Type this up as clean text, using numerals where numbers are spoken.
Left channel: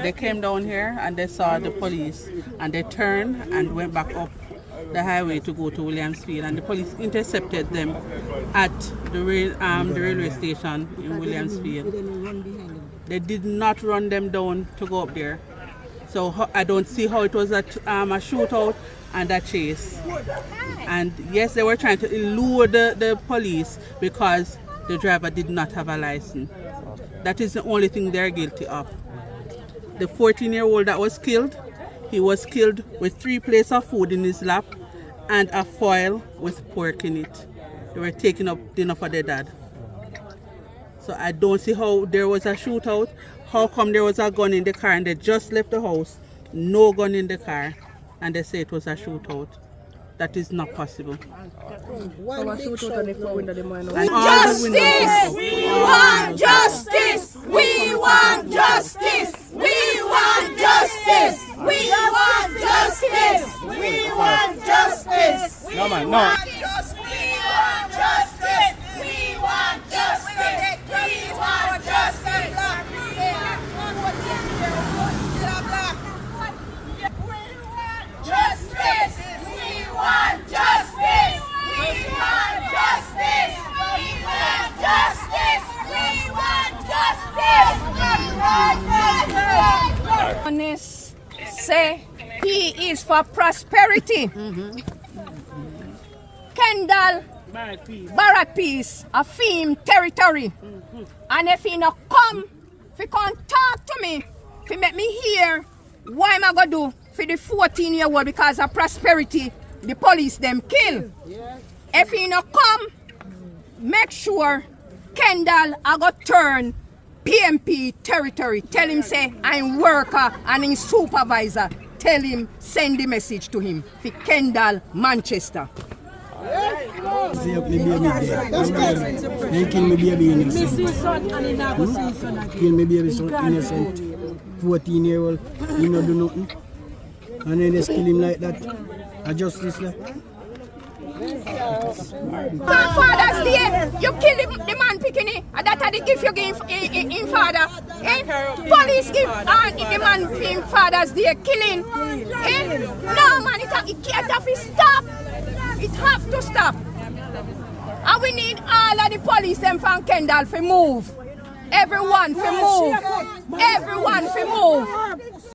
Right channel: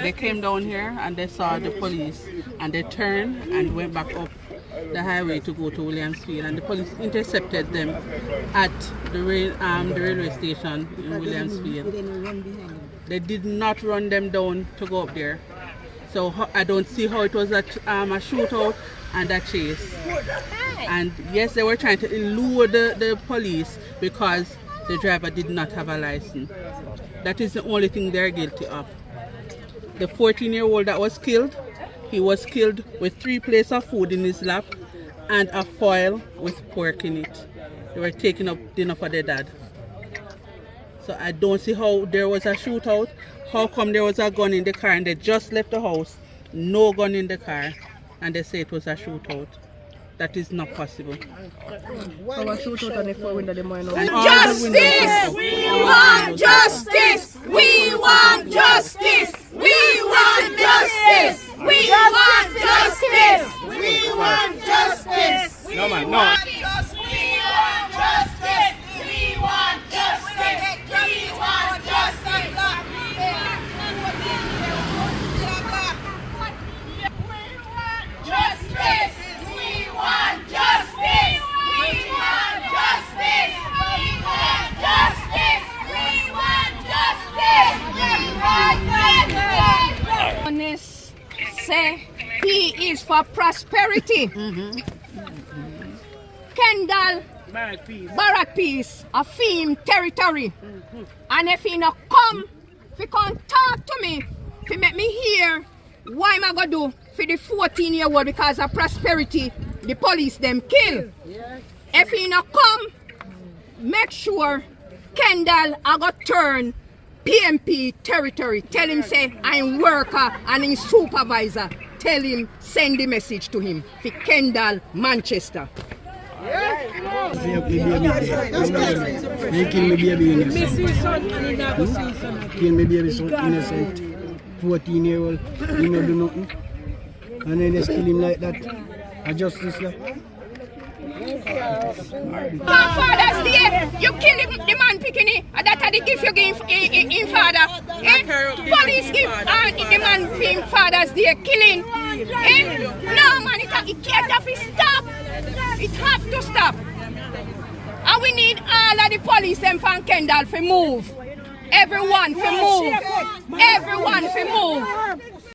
They came down here and they saw the police and they turned and went back up the highway to go to Williamsfield, and the police intercepted them at the railway station in Williamsfield. They did not run them down to go up there. So I don't see how it was a shootout and a chase. And yes, they were trying to elude the police because the driver did not have a license. That is the only thing they're guilty of. The 14-year-old that was killed, he was killed with 3 plates of food in his lap and a foil with pork in it. They were taking up dinner for their dad. So I don't see how there was a shootout. How come there was a gun in the car and they just left the house, no gun in the car, and they say it was a shootout? That is not possible. Justice! We want justice! We want justice! We want justice! We want justice! We want justice! We want justice! We want justice! We want justice! We want justice! Justice! We want justice! We want justice! We want justice! We want justice! Honest say he is for prosperity. Kendall, Barrack Peace, a theme territory. And if he not come, if he can't talk to me, if he make me hear, what am I going to do for the 14-year-old because of prosperity, the police them kill. If he not come, make sure Kendall I got turn PMP territory. Tell him say I'm worker and I'm supervisor. Tell him send the message to him for Kendall, Manchester. They kill me baby innocent. Kill me baby so innocent. 14-year-old, he no do nothing. And then they kill him like that. A justice like. Father's Day, you kill the man picking it, and that's the gift you give in father. Police give the man in Father's Day killing. No man, it can't have to stop. It have to stop. And we need all of the police them from Kendall to move. Everyone to move. Everyone to move.